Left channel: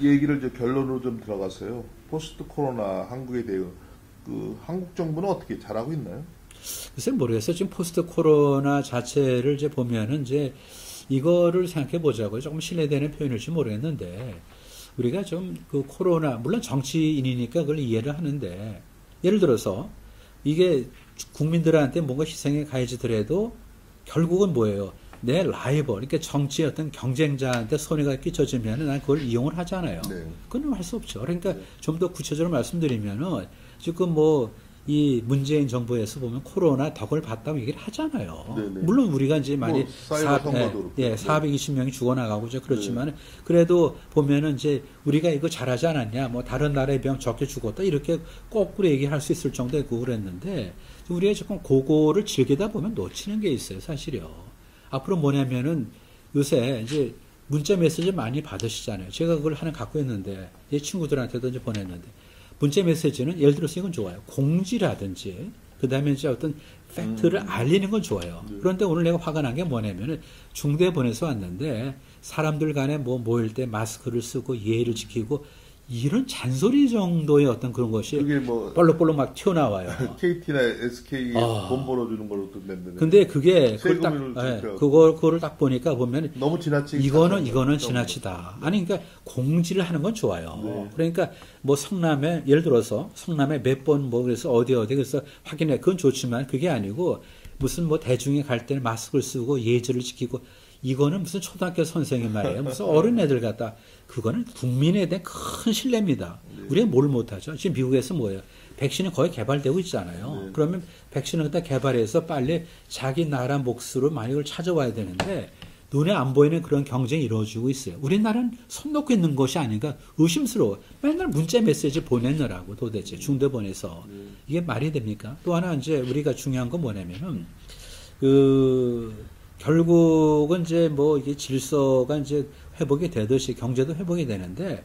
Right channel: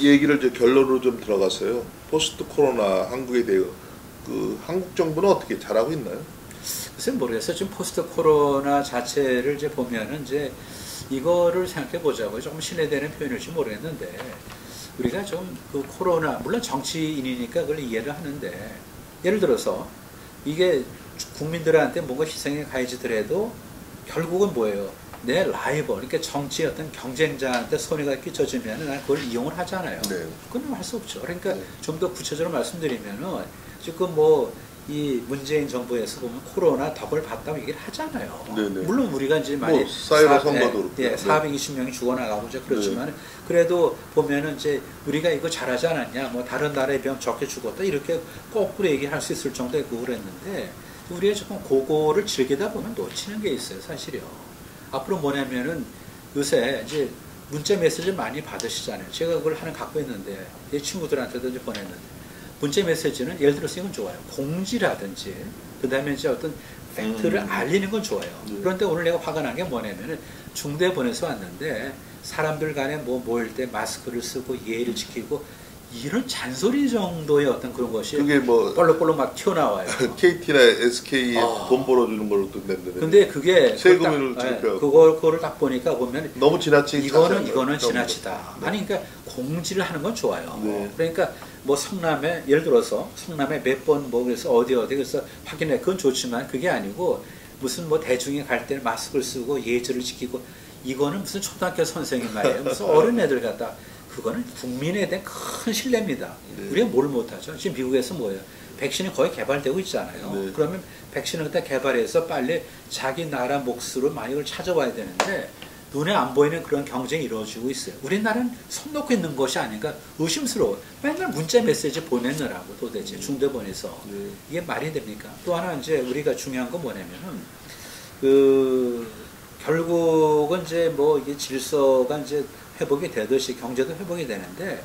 얘기를 결론으로 좀 들어갔어요. 포스트 코로나 한국에 대해 한국 정부는 어떻게 잘하고 있나요? 글쎄 모르겠어요. 지금 포스트 코로나 자체를 이제 보면은 이제 이거를 생각해 보자고요. 조금 신뢰되는 표현일지 모르겠는데 우리가 좀 그 코로나 물론 정치인이니까 그걸 이해를 하는데 예를 들어서 이게 국민들한테 뭔가 희생에 가해지더라도 결국은 뭐예요? 내 라이벌, 이렇게 정치의 어떤 경쟁자한테 손해가 끼쳐지면 난 그걸 이용을 하잖아요. 네. 그건 할 수 없죠. 그러니까 네. 좀 더 구체적으로 말씀드리면은 지금 뭐 이 문재인 정부에서 보면 코로나 덕을 봤다고 얘기를 하잖아요. 네네. 물론 우리가 이제 많이 사이로 선거도 그렇고 420명이 죽어나가고 이제 그렇지만 네. 그래도 보면은 이제 우리가 이거 잘하지 않았냐, 뭐 다른 나라에 비하면 적게 죽었다 이렇게 거꾸로 얘기할 수 있을 정도의 그걸 했는데 우리가 조금 그거를 즐기다 보면 놓치는 게 있어요, 사실이요. 앞으로 뭐냐면은 요새 이제 문자 메시지 많이 받으시잖아요. 제가 그걸 하나 갖고 있는데 이 친구들한테도 이제 보냈는데. 문자 메시지는 예를 들어서 이건 좋아요. 공지라든지 그 다음에 이제 어떤 팩트를 알리는 건 좋아요. 그런데 오늘 내가 화가 난 게 뭐냐면은 중대 보내서 왔는데 사람들 간에 뭐 모일 때 마스크를 쓰고 예의를 지키고 이런 잔소리 정도의 어떤 그런 것이 그게 뭐 볼록볼록 막 튀어나와요. KT나 SK에 돈 벌어주는 걸로 냈는데. 근데 그게 세금을 지급해요. 그거를 딱 보니까 보면 너무 지나치게 이거는 지나치다. 네. 아니 그러니까 공지를 하는 건 좋아요. 네. 그러니까 뭐 성남에 예를 들어서 성남에 몇 번 뭐 그래서 어디 그래서 확인해 그건 좋지만 그게 아니고 무슨 뭐 대중에 갈 때 마스크를 쓰고 예절을 지키고 이거는 무슨 초등학교 선생님 말이에요. 무슨 어린 애들 같다. 그거는 국민에 대한 큰 신뢰입니다. 네. 우리가 뭘 못하죠? 지금 미국에서 뭐예요? 백신이 거의 개발되고 있잖아요. 네. 그러면 백신을 다 개발해서 빨리 자기 나라 몫으로 많이 걸 찾아와야 되는데 눈에 안 보이는 그런 경쟁이 이루어지고 있어요. 우리나라는 손 놓고 있는 것이 아닌가 의심스러워. 맨날 문자 메시지 보내느라고 도대체 중대 보내서 이게 말이 됩니까? 또 하나 이제 우리가 중요한 건 뭐냐면은 결국은 이제 뭐 이게 질서가 이제 회복이 되듯이 경제도 회복이 되는데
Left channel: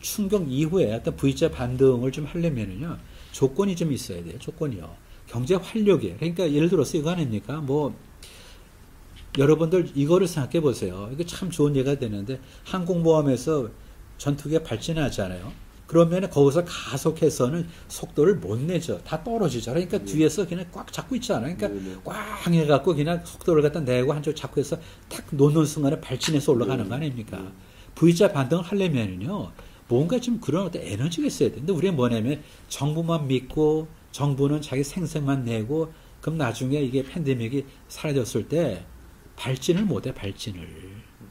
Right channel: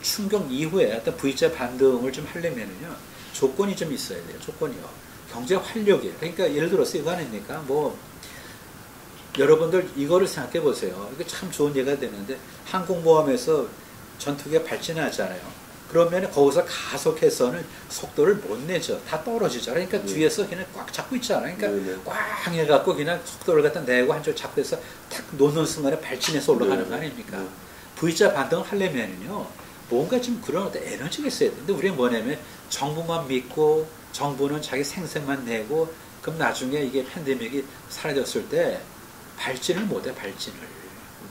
충격 이후에 어떤 V자 반등을 좀 하려면은요 조건이 좀 있어야 돼요. 조건이요. 경제 활력이에요. 그러니까 예를 들어서 이거 아닙니까? 뭐 여러분들 이거를 생각해 보세요. 이게 참 좋은 예가 되는데 항공모함에서 전투기가 발진하잖아요. 그러면 거기서 가속해서는 속도를 못 내죠. 다 떨어지죠. 그러니까 뒤에서 그냥 꽉 잡고 있잖아요. 그러니까 꽉 해갖고 그냥 속도를 갖다 내고 한쪽 잡고 해서 탁 놓는 순간에 발진해서 올라가는 거 아닙니까? V자 반등을 하려면요. 뭔가 좀 그런 어떤 에너지가 있어야 돼. 근데 우리는 뭐냐면 정부만 믿고 정부는 자기 생색만 내고 그럼 나중에 이게 팬데믹이 사라졌을 때 발진을 못해, 발진을.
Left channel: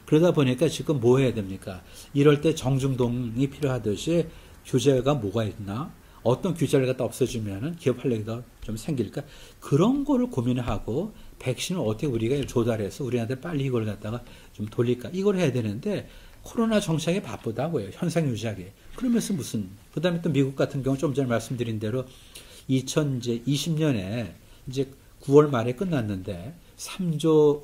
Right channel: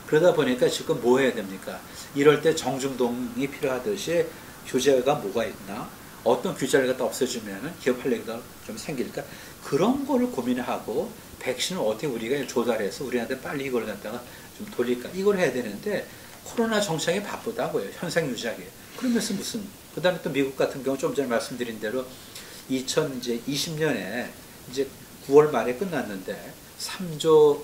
그러다 보니까 지금 뭐 해야 됩니까? 이럴 때 정중동이 필요하듯이 규제가 뭐가 있나? 어떤 규제를 갖다 없애주면은 기업 활력이 더 좀 생길까? 그런 거를 고민하고 백신을 어떻게 우리가 조달해서 우리한테 빨리 이걸 갖다가 좀 돌릴까? 이걸 해야 되는데 코로나 정착에 바쁘다고요. 현상 유지하기. 그러면서 무슨, 그 다음에 또 미국 같은 경우 좀 전에 말씀드린 대로 2020년에 이제 9월 말에 끝났는데 3조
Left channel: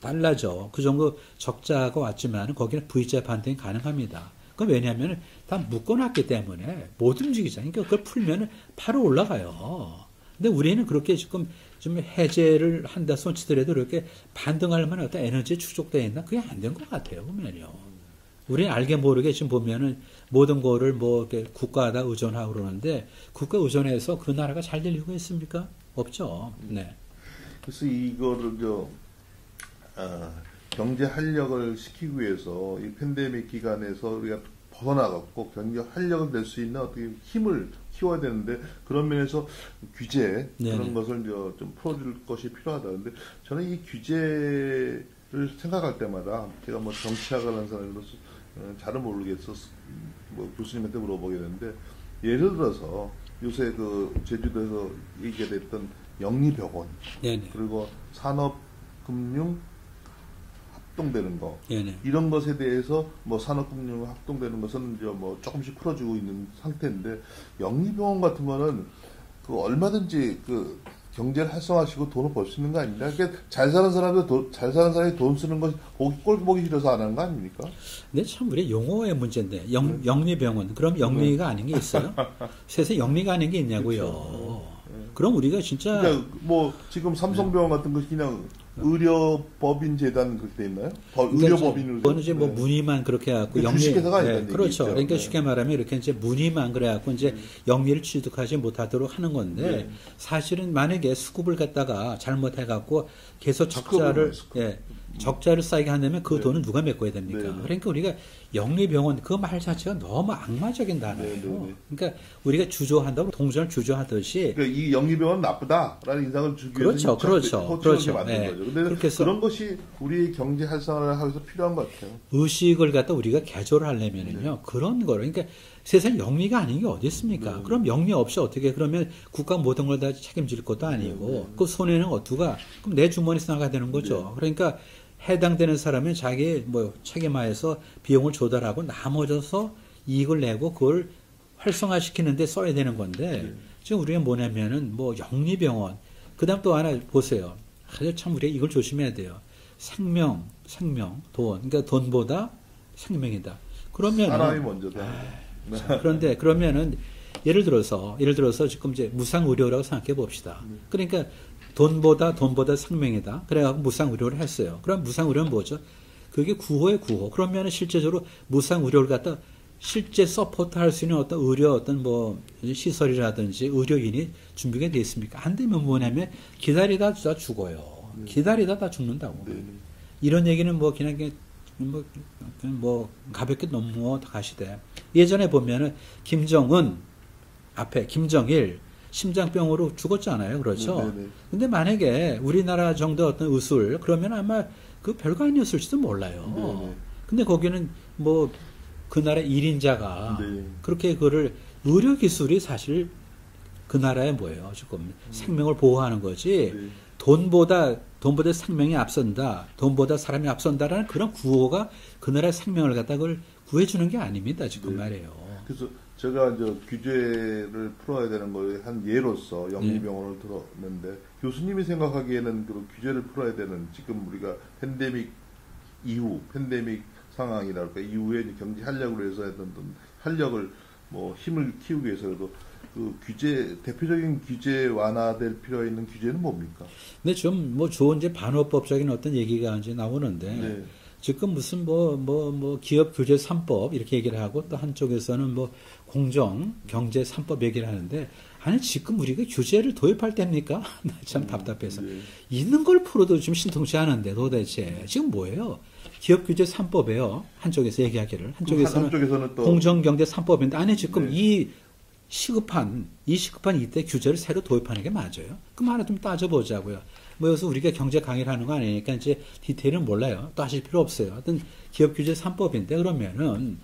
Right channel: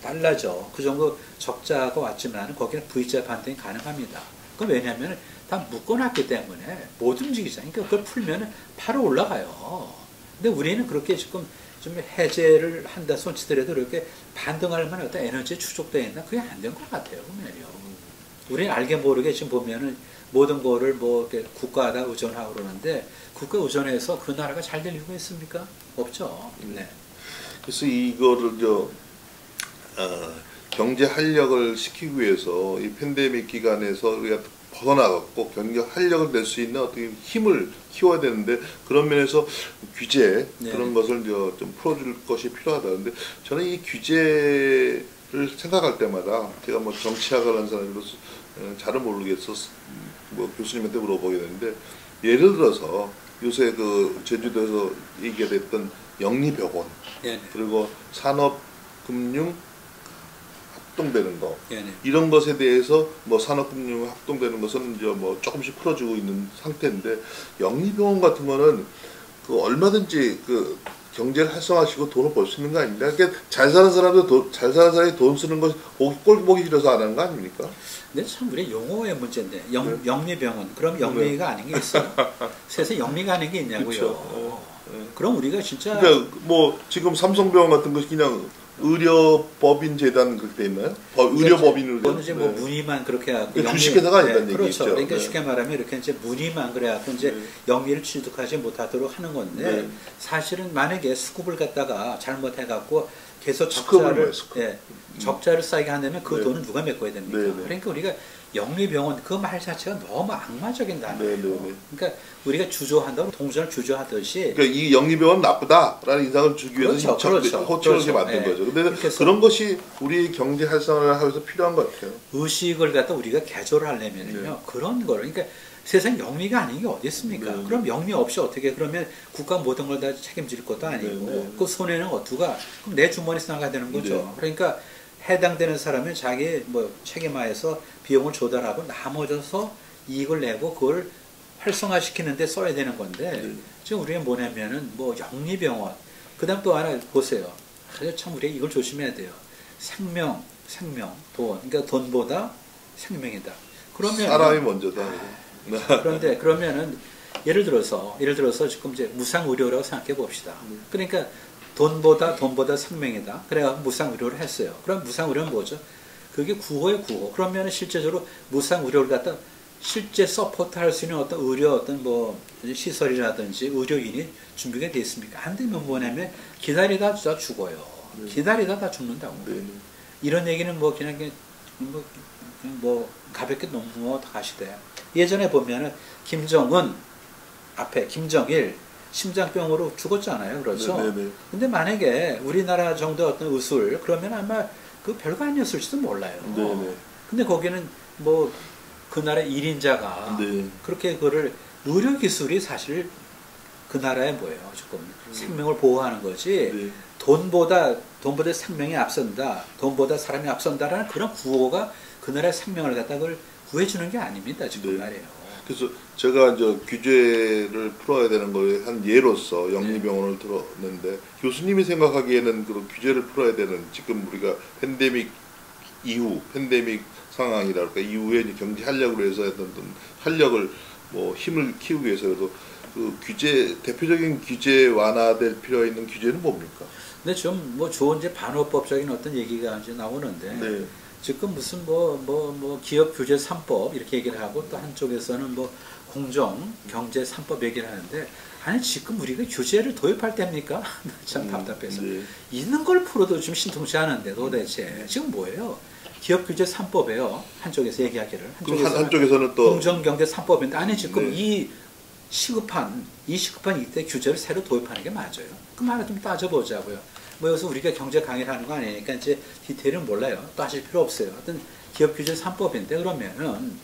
달러죠. 그 정도 적자가 왔지만 거기는 V자 반등이 가능합니다. 그건 왜냐하면 다 묶어놨기 때문에 못 움직이잖아요. 그러니까 그걸 풀면 바로 올라가요. 근데 우리는 그렇게 지금 좀 해제를 한다 손치더라도 그렇게 반등할 만한 어떤 에너지 추적되어 있나? 그게 안 된 것 같아요. 보면요. 우리는 알게 모르게 지금 보면은 모든 거를 뭐 이렇게 국가에다 의존하고 그러는데 국가 의존해서 그 나라가 잘 될 이유가 있습니까? 없죠. 네. 그래서 이거를 경제 활력을 시키기 위해서 이 팬데믹 기간에서 우리가 벗어나갔고 경제 활력을 낼 수 있는 어떻게 힘을 키워야 되는데 그런 면에서 규제 그런 것을 좀 풀어줄 것이 필요하다. 근데 저는 이 규제를 생각할 때마다 제가 뭐 정치학을 한 사람으로서 잘은 모르겠어 뭐 교수님한테 물어보게 되는데 예를 들어서 요새 그 제주도에서 얘기가 됐던 영리병원 그리고 산업금융 합동되는 거 이런 것에 대해서 뭐 산업금융 합동되는 것은 이제 뭐 조금씩 풀어주고 있는 상태인데 영리병원 같은 거는 그 얼마든지 그 경제를 활성화시키고 돈을 벌 수 있는 거 아닙니까? 그러니까 잘 사는 사람도 잘 사는 사람이 돈 쓰는 거 꼴 보기 싫어서 안 하는 거 아닙니까? 근데 참 우리 용어의 문제인데 영리병원 그럼 영리가 아닌 게 있어요? 세상에 영리가 아닌 게 있냐고요. 그럼 우리가 진짜 그러니까 뭐 지금 삼성병원 같은 거 그냥 의료법인 재단 그렇게 돼 있나요? 의료법인으로 그거는 이제 뭐 네. 문의만 그렇게 해갖고 그러니까 주식회사가 아니라는 그렇죠. 얘기죠. 그러니까 네. 쉽게 말하면 이렇게 이제 문의만 그래갖고 이제 네. 영리를 취득하지 못하도록 하는 건데 네. 사실은 만약에 수급을 갖다가 잘못해갖고 계속 스크업을 적자를 뭐예요, 스크업? 적자를 쌓게 한다면 그 네. 돈은 누가 메꿔야 됩니까? 네, 네. 그러니까 우리가 영리병원 그 말 자체가 너무 악마적인 단어예요. 네, 네, 네. 그러니까 우리가 주저한다고 동전을 주저하듯이 그러니까 이 영리병원은 나쁘다라는 인상을 주기 위해서 그렇죠. 호칭하게 만든 네. 거죠. 근데 그렇게 해서 그런 것이 우리 경제 활성화를 하면서 필요한 것 같아요. 의식을 갖다 우리가 개조를 하려면요 네. 그런 걸 그러니까 세상 영리가 아닌 게 어디 있습니까? 네. 그럼 영리 없이 어떻게 그러면 국가 모든 걸 다 책임질 것도 아니고 네, 네. 그 손해는 어디가 그럼 내 주머니에서 나가야 되는 거죠. 네. 그러니까 해당되는 사람은 자기 뭐 책임하에서 비용을 조달하고 나머져서 이익을 내고 그걸 활성화시키는데 써야 되는 건데 네. 지금 우리가 뭐냐면은 뭐 영리병원 그다음 또 하나 보세요. 참 우리가 이걸 조심해야 돼요. 생명, 돈. 그러니까 돈보다 생명이다. 그러면 사람이 먼저다. 그런데 그러면은 예를 들어서 지금 이제 무상 의료라고 생각해 봅시다. 그러니까 돈보다 생명이다. 그래야 무상 의료를 했어요. 그럼 무상 의료는 뭐죠? 그게 구호의 구호. 그러면은 실제적으로 무상 의료를 갖다 실제 서포트 할 수 있는 어떤 의료 어떤 뭐 시설이라든지 의료인이 준비가 되어 있습니까? 안 되면 뭐냐면 기다리다 다 죽어요. 네. 기다리다 다 죽는다고. 네. 이런 얘기는 뭐 그냥 뭐 가볍게 넘어 가시대. 예전에 보면은 김정은 앞에 김정일 심장병으로 죽었잖아요. 그렇죠? 네, 네, 네. 근데 만약에 우리나라 정도 어떤 의술 그러면 아마 그 별거 아니었을지도 몰라요. 네, 네. 근데 거기는 뭐 그 나라 1인자가 네. 그렇게 그를 의료 기술이 사실 그 나라에 뭐예요? 지금 생명을 보호하는 거지. 네. 돈보다 생명이 앞선다. 돈보다 사람이 앞선다라는 그런 구호가 그 나라의 생명을 갖다 그걸 구해주는 게 아닙니다. 지금 네. 말이에요. 그래서 제가 이제 규제를 풀어야 되는 거에 한 예로서 영리병원을 들었는데 교수님이 생각하기에는 그런 규제를 풀어야 되는 지금 우리가 팬데믹 이후 팬데믹 상황이랄까 이후에 이제 경제 활력으로 해서 했던 활력을 뭐 힘을 키우기 위해서도 그 규제 대표적인 규제 완화될 필요 있는 규제는 뭡니까? 근데 좀 뭐 좋은 이제 반호법적인 어떤 얘기가 이제 나오는데 네. 지금 무슨 뭐 기업 규제 3법 이렇게 얘기를 하고 또 한쪽에서는 뭐 공정 경제 3법 얘기를 하는데 아니 지금 우리가 규제를 도입할 때입니까? 참 답답해서 네. 있는 걸 풀어도 좀 신통치 않은데 도대체 지금 뭐예요? 기업 규제 3법에요. 한쪽에서 얘기하기를 한쪽에서는 또 공정 경제 3법인데 아니 지금 네. 이 시급한 이때 규제를 새로 도입하는 게 맞아요? 그럼 하나 좀 따져보자고요. 뭐 여기서 우리가 경제 강의를 하는 거 아니니까 이제 디테일은 몰라요. 따질 필요 없어요. 어떤 기업 규제 3법인데 그러면은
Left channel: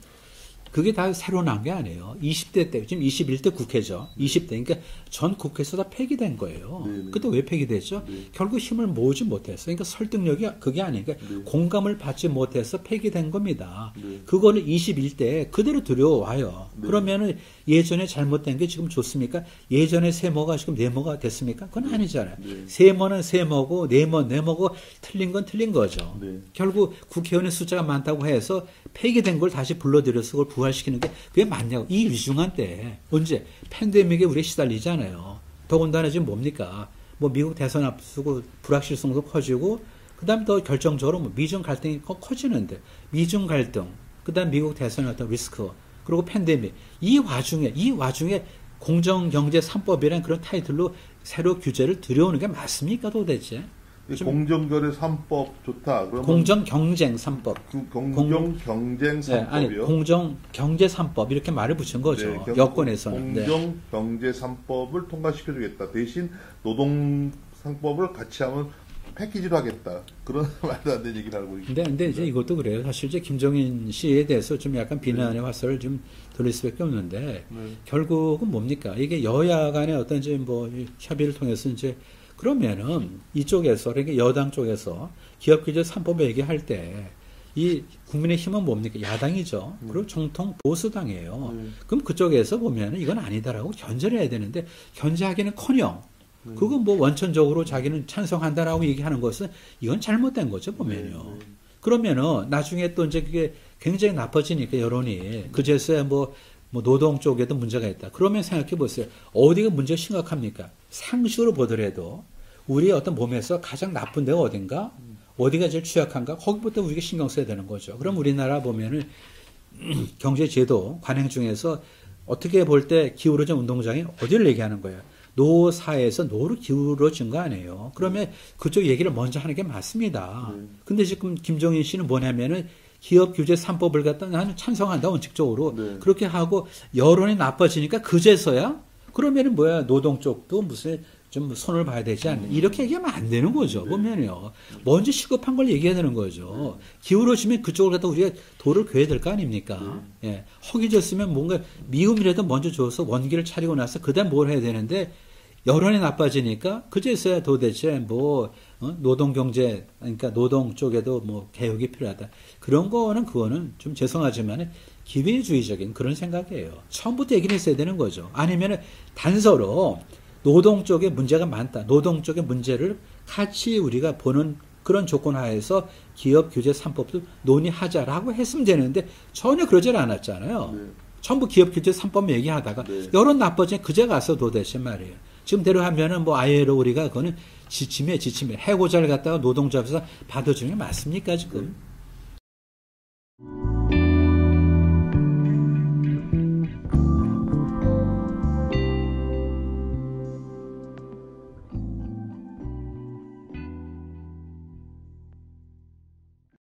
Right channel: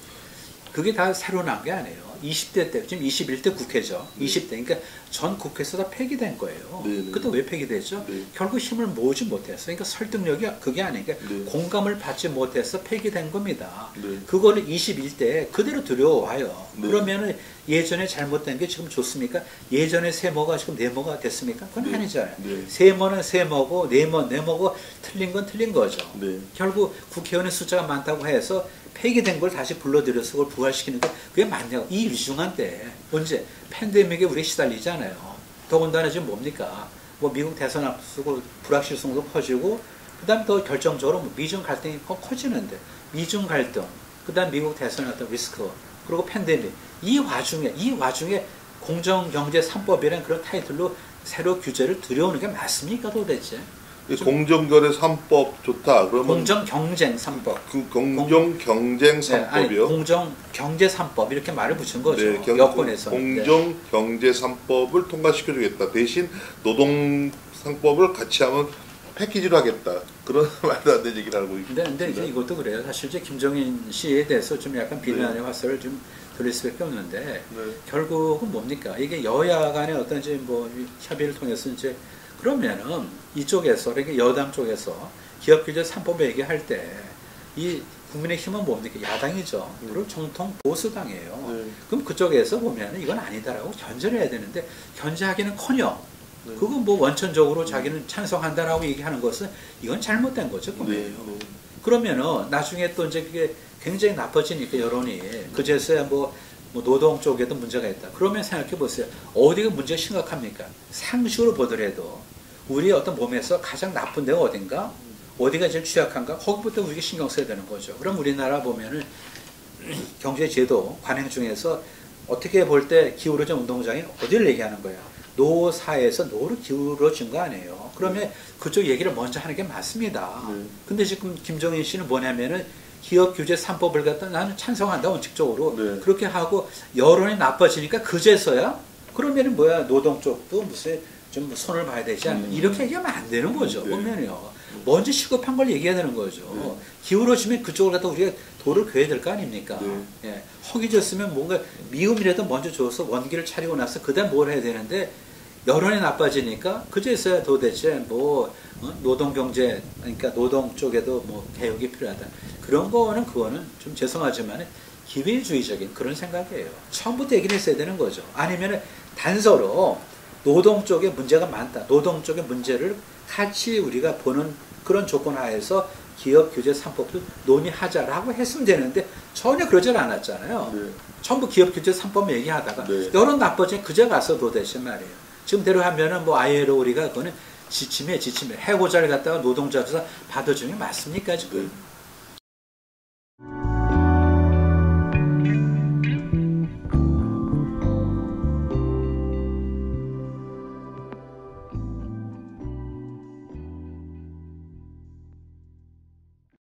그게 다 새로 나온 게 아니에요. 20대 때, 지금 21대 국회죠. 20대. 그러니까 전 국회에서 다 폐기된 거예요. 네, 네. 그때 왜 폐기됐죠? 네. 결국 힘을 모으지 못했어. 그러니까 설득력이 그게 아니니까 네. 공감을 받지 못해서 폐기된 겁니다. 네. 그거를 21대에 그대로 들여와요. 네. 그러면은 예전에 잘못된 게 지금 좋습니까? 예전에 세모가 지금 네모가 됐습니까? 그건 네. 아니잖아요. 네. 세모는 세모고 네모고 틀린 건 틀린 거죠. 네. 결국 국회의원의 숫자가 많다고 해서 폐기된 걸 다시 불러들여서 그걸 부활시키는 게 그게 맞냐고. 이 위중한 때 언제 팬데믹에 우리 시달리잖아요. 더군다나 지금 뭡니까? 뭐 미국 대선 앞두고 불확실성도 커지고 그다음 더 결정적으로 뭐 미중 갈등이 커지는데 미중 갈등 그다음 미국 대선의 어떤 리스크 그리고 팬데믹 이 와중에 공정경제 3법이라는 그런 타이틀로 새로 규제를 들여오는 게 맞습니까 도대체? 공정거래 3법 좋다. 그러면 공정경쟁 3법. 그 공정경쟁 3법이요? 공정경제 3법 이렇게 말을 붙인 거죠. 네, 여권에서. 공정경제 3법을 통과시켜주겠다. 대신 노동상법을 같이 하면 패키지로 하겠다. 그런 말도 안 되는 얘기를 하고 있습니다. 근데 이제 이것도 그래요. 사실 이제 김정인 씨에 대해서 좀 약간 비난의 화살을 좀 돌릴 수밖에 없는데 네. 결국은 뭡니까? 이게 여야 간의 어떤 이제 뭐 협의를 통해서 이제 그러면은 이쪽에서 그러니까 여당 쪽에서 기업 규제 3법 얘기할 때 이 국민의힘은 뭡니까? 야당이죠. 그리고 정통 보수당이에요. 네. 그럼 그쪽에서 보면은 이건 아니다라고 견제를 해야 되는데 견제하기는커녕 그건 뭐 원천적으로 자기는 찬성한다라고 얘기하는 것은 이건 잘못된 거죠, 보면요. 네. 그러면은 나중에 또 이제 그게 굉장히 나빠지니까 여론이 그제서야 뭐 노동 쪽에도 문제가 있다. 그러면 생각해 보세요. 어디가 문제가 심각합니까? 상식으로 보더라도 우리의 어떤 몸에서 가장 나쁜 데가 어딘가? 어디가 제일 취약한가? 거기부터 우리가 신경 써야 되는 거죠. 그럼 우리나라 보면은 경제제도 관행 중에서 어떻게 볼 때 기울어진 운동장이 어디를 얘기하는 거예요? 노사에서 노로 기울어진 거 아니에요. 그러면 그쪽 얘기를 먼저 하는 게 맞습니다. 근데 지금 김종인 씨는 뭐냐면은 기업 규제 3법을 갖다 나는 찬성한다, 원칙적으로. 네. 그렇게 하고 여론이 나빠지니까 그제서야 그러면은 뭐야, 노동 쪽도 무슨 좀 손을 봐야 되지 않나. 이렇게 얘기하면 안 되는 거죠. 네. 보면요. 먼저 시급한 걸 얘기해야 되는 거죠. 기울어지면 그쪽을 갖다 우리가 돌을 괴야 될 거 아닙니까? 네. 예. 허기졌으면 뭔가 미움이라도 먼저 줘서 원기를 차리고 나서 그다음 뭘 해야 되는데 여론이 나빠지니까 그제서야 도대체 뭐 노동 경제, 그러니까 노동 쪽에도 뭐 개혁이 필요하다. 그런 거는 그거는 좀 죄송하지만 기회주의적인 그런 생각이에요. 처음부터 얘기를 했어야 되는 거죠. 아니면 단서로 노동 쪽에 문제가 많다. 노동 쪽의 문제를 같이 우리가 보는 그런 조건 하에서 기업 규제 3법도 논의하자라고 했으면 되는데 전혀 그러질 않았잖아요. 네. 전부 기업 규제 3법 얘기하다가 네. 여론 나빠지니 그제 가서 도대체 말이에요. 지금대로 하면은 뭐 ILO 우리가 그거는 지침에 해고자를 갖다가 노동자로서 받아주는 게 맞습니까 지금? 네.